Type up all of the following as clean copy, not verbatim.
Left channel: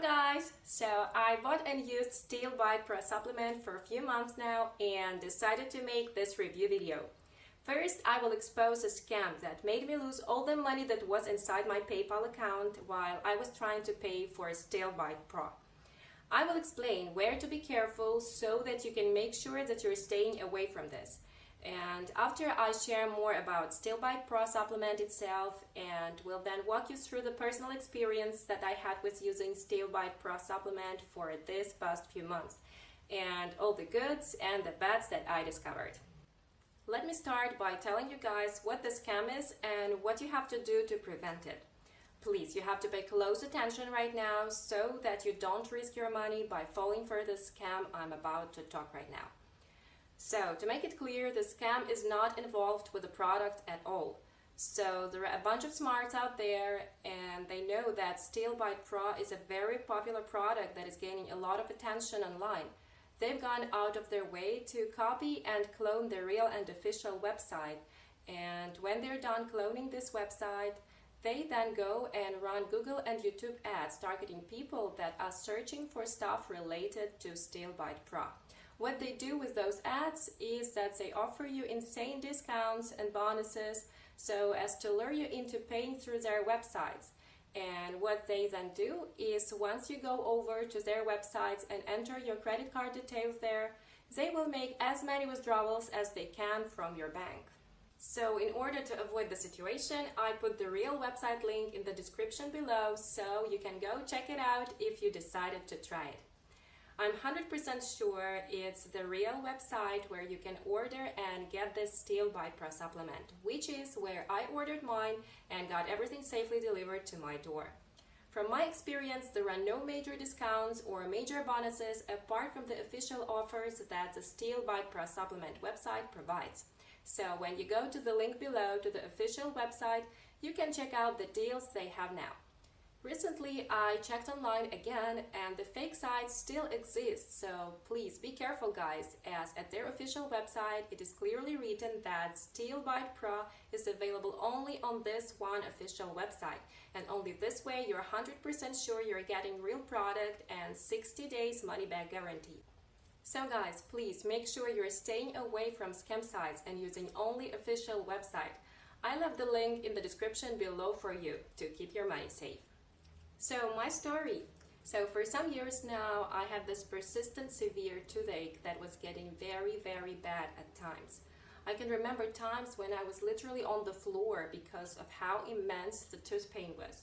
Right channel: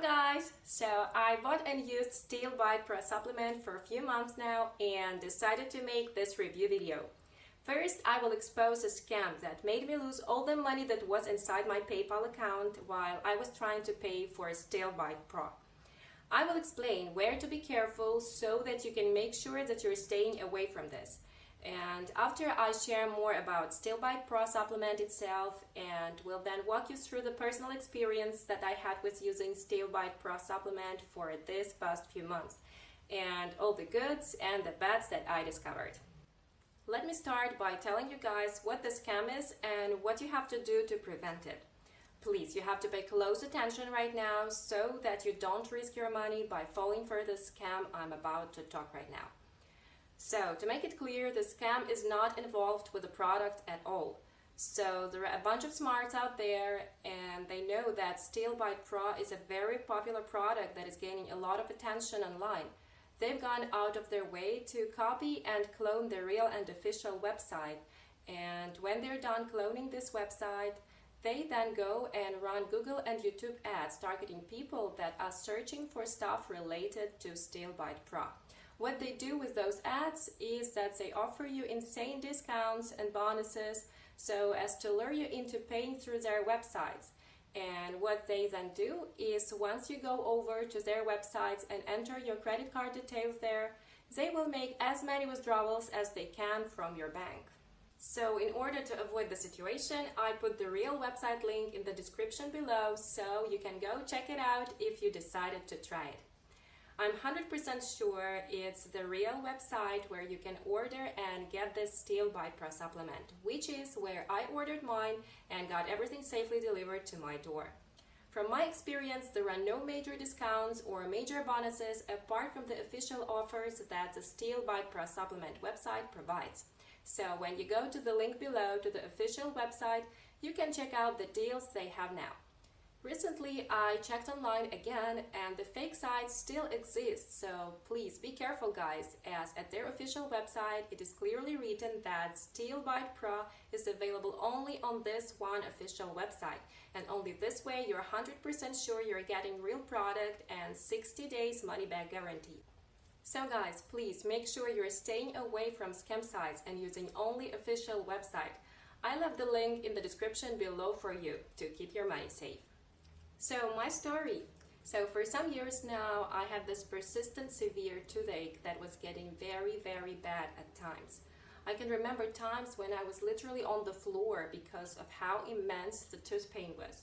Hello guys! So I bought and used Steel Bite Pro supplement for a few months now and decided to make this review video. First, I will expose a scam that made me lose all the money that was inside my PayPal account while I was trying to pay for Steel Bite Pro. I will explain where to be careful so that you can make sure that you're staying away from this. And after I share more about Steel Bite Pro supplement itself, and will then walk you through the personal experience that I had with using Steel Bite Pro supplement for this past few months, and all the goods and the bads that I discovered. Let me start by telling you guys what the scam is and what you have to do to prevent it. Please, you have to pay close attention right now so that you don't risk your money by falling for the scam I'm about to talk right now. So, to make it clear, the scam is not involved with the product at all. So, there are a bunch of smarts out there and they know that Steel Bite Pro is a very popular product that is gaining a lot of attention online. They've gone out of their way to copy and clone the real and official website. And when they're done cloning this website, they then go and run Google and YouTube ads targeting people that are searching for stuff related to Steel Bite Pro. What they do with those ads is that they offer you insane discounts and bonuses so as to lure you into paying through their websites. And what they then do is once you go over to their websites and enter your credit card details there, they will make as many withdrawals as they can from your bank. So in order to avoid the situation, I put the real website link in the description below so you can go check it out if you decided to try it. I'm 100% sure it's the real website where you can order and get this Steel Bite Pro supplement, which is where I ordered mine and got everything safely delivered to my door. From my experience, there are no major discounts or major bonuses apart from the official offers that the Steel Bite Pro supplement website provides. So when you go to the link below to the official website, you can check out the deals they have now. Recently, I checked on them again and the fake site still exists, so please be careful guys. And at their official website, it is clearly written that Steel Bite Pro is available only on this one official website, and only this way you're 100% sure you're getting real product and 60 days money guarantee. So guys, please make sure you're staying away from scam sites and using only official website. I left the link in the description below for you to keep your mind safe. So my story. So for some years now, I have this persistent severe toothache that was getting very, very bad at times. I can remember times when I was literally on the floor because of how bad the tooth pain was.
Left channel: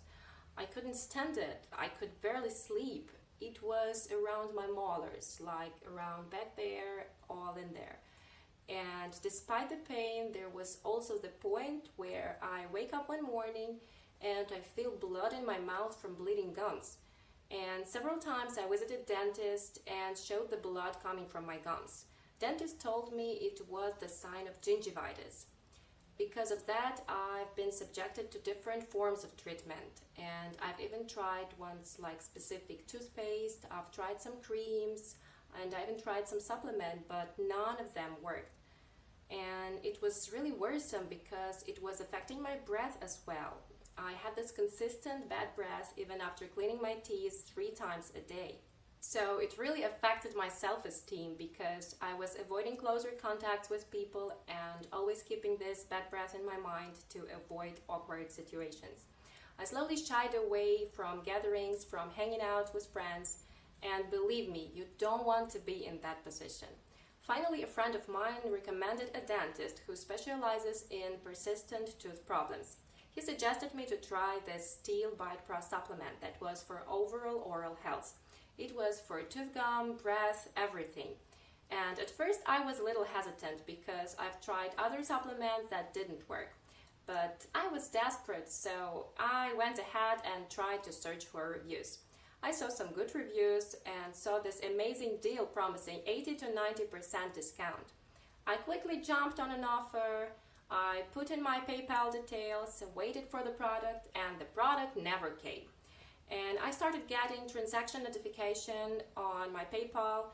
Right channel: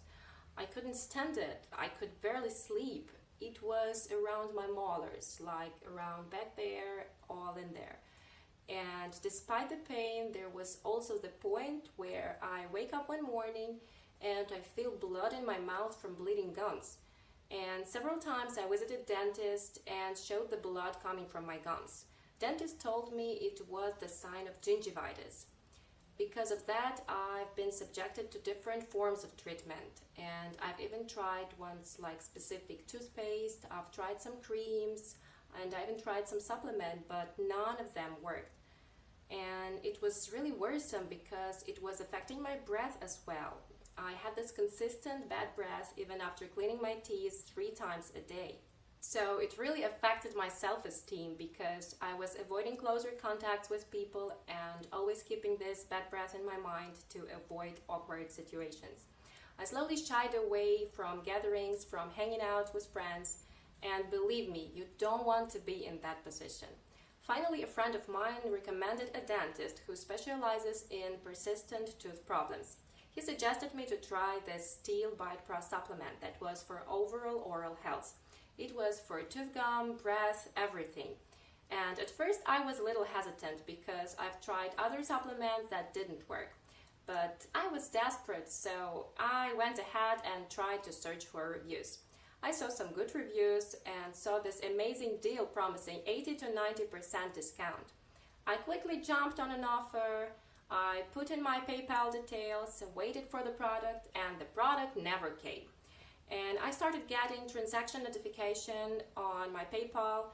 I couldn't stand it. I could barely sleep. It was around my molars, like around back there, all in there. And despite the pain, there was also the point where I wake up one morning and I feel blood in my mouth from bleeding gums. And several times I visited dentist and showed the blood coming from my gums. Dentist told me it was the sign of gingivitis. Because of that, I've been subjected to different forms of treatment. And I've even tried ones like specific toothpaste, I've tried some creams, and I even tried some supplement, but none of them worked. And it was really worrisome because it was affecting my breath as well. I had this consistent bad breath even after cleaning my teeth 3 times a day. So it really affected my self-esteem because I was avoiding closer contacts with people and always keeping this bad breath in my mind to avoid awkward situations. I slowly shied away from gatherings, from hanging out with friends, and believe me, you don't want to be in that position. Finally, a friend of mine recommended a dentist who specializes in persistent tooth problems. He suggested me to try this Steel Bite Pro supplement that was for overall oral health. It was for tooth gum, breath, everything. And at first I was a little hesitant because I've tried other supplements that didn't work. But I was desperate, so I went ahead and tried to search for reviews. I saw some good reviews and saw this amazing deal promising 80 to 90% discount. I quickly jumped on an offer, I put in my PayPal details, waited for the product, and the product never came. And I started getting transaction notification on my PayPal,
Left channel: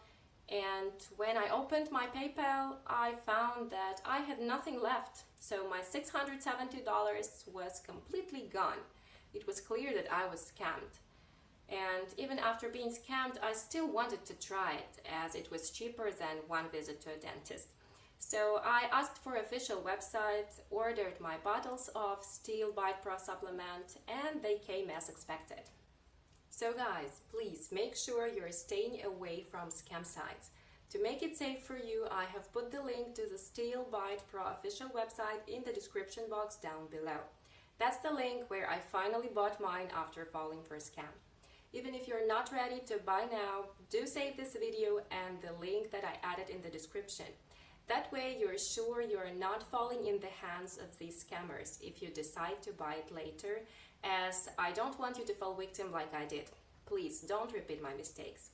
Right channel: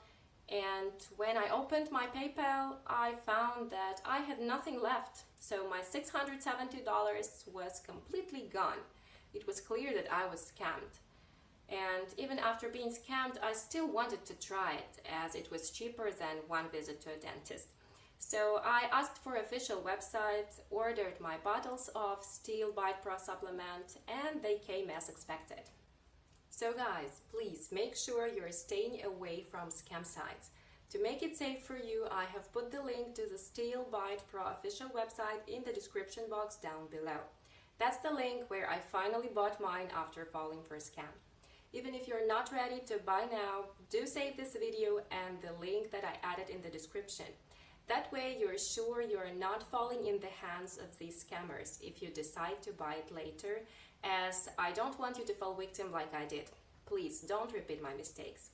and when I opened my PayPal, I found that I had nothing left. So my $670 was completely gone. It was clear that I was scammed. And even after being scammed, I still wanted to try it as it was cheaper than one visit to a dentist. So I asked for official websites, ordered my bottles of Steel Bite Pro supplement, and they came as expected. So guys, please make sure you're staying away from scam sites. To make it safe for you, I have put the link to the Steel Bite Pro official website in the description box down below. That's the link where I finally bought mine after falling for a scam. Even if you're not ready to buy now, do save this video and the link that I added in the description. That way you're sure you're not falling in the hands of these scammers if you decide to buy it later, as I don't want you to fall victim like I did. Please don't repeat my mistakes.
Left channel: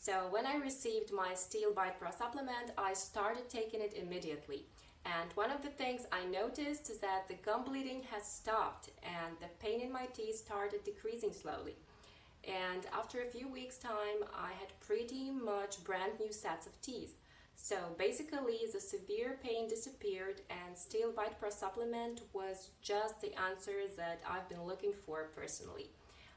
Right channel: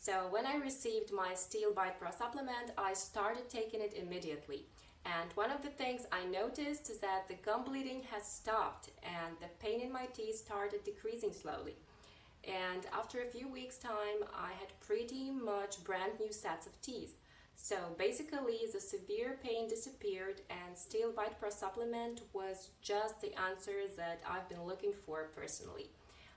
So when I received my Steel Bite Pro supplement, I started taking it immediately. And one of the things I noticed is that the gum bleeding has stopped and the pain in my teeth started decreasing slowly. And after a few weeks' time, I had pretty much brand new sets of teeth. So basically, the severe pain disappeared and Steel Bite Pro supplement was just the answer that I've been looking for personally.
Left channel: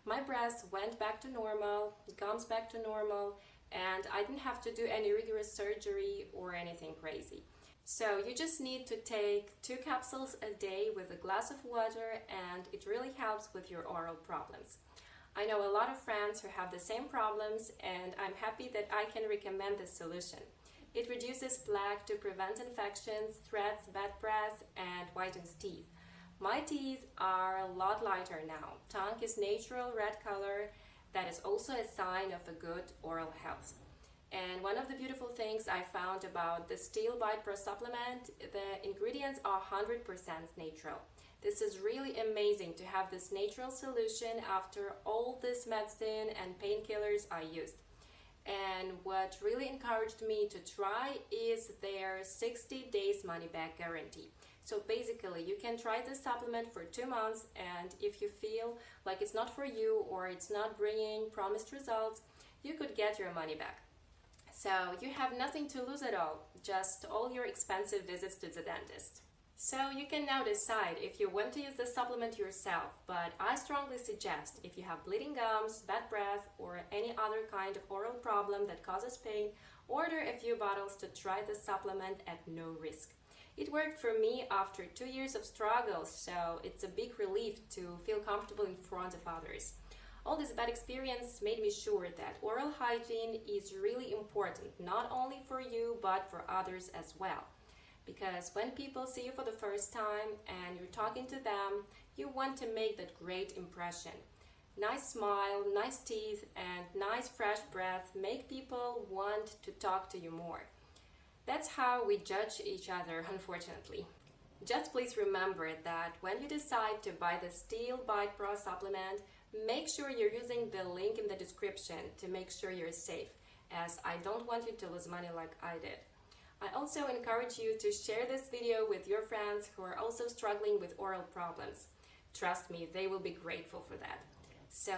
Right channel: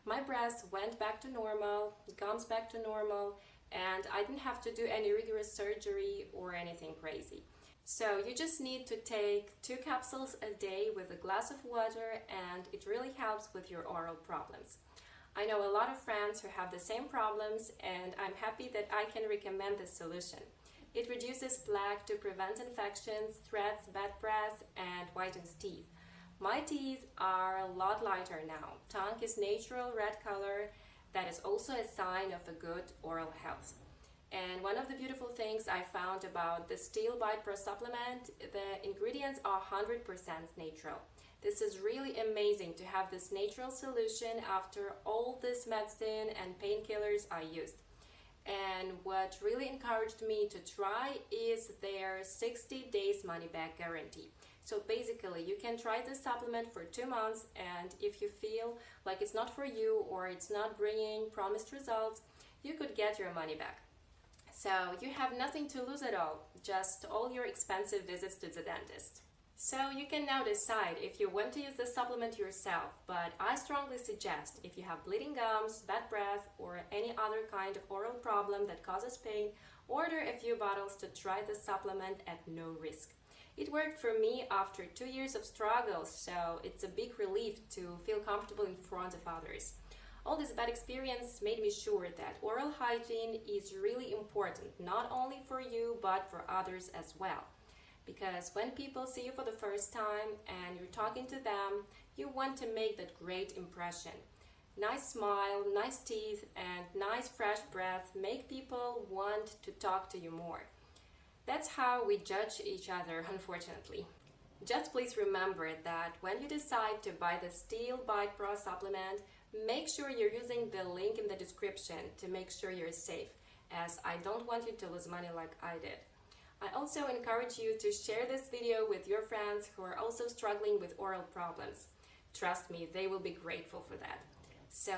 My breath went back to normal, gums back to normal, and I didn't have to do any rigorous surgery or anything crazy. So you just need to take 2 capsules a day with a glass of water, and it really helps with your oral problems. I know a lot of friends who have the same problems, and I'm happy that I can recommend this solution. It reduces plaque to prevent infections, threats bad breath, and whitens teeth. My teeth are a lot lighter now. Tongue is natural red color. That is also a sign of a good oral health. And one of the beautiful things I found about the Steel Bite Pro supplement, the ingredients are 100% natural. This is really amazing to have this natural solution after all this medicine and painkillers are used. And what really encouraged me to try is their 60 days money back guarantee. So basically, you can try this supplement for 2 months, and if you feel like it's not for you or it's not bringing promised results, you could get your money back. So you have nothing to lose at all, just all your expensive visits to the dentist. So you can now decide if you want to use the supplement yourself, but I strongly suggest if you have bleeding gums, bad breath, or any other kind of oral problem that causes pain, order a few bottles to try the supplement at no risk. It worked for me after 2 years of struggle, so it's a big relief to feel comfortable in front of others. All this bad experience made me sure that oral hygiene is really important, not only for you, but for others as well. Because when people see you for the first time and you're talking to them, you want to make that great impression. Nice smile, nice teeth, and nice fresh breath make people want to talk to you more. That's how we judge each other, unfortunately. Just please remember that when you decide to buy the Steel Bite Pro supplement, make sure you're using the link in the description to make sure you're safe, as I don't want you to lose money like I did. I also encourage you to share this video with your friends who are also struggling with oral problems. Trust me, they will be grateful for that. So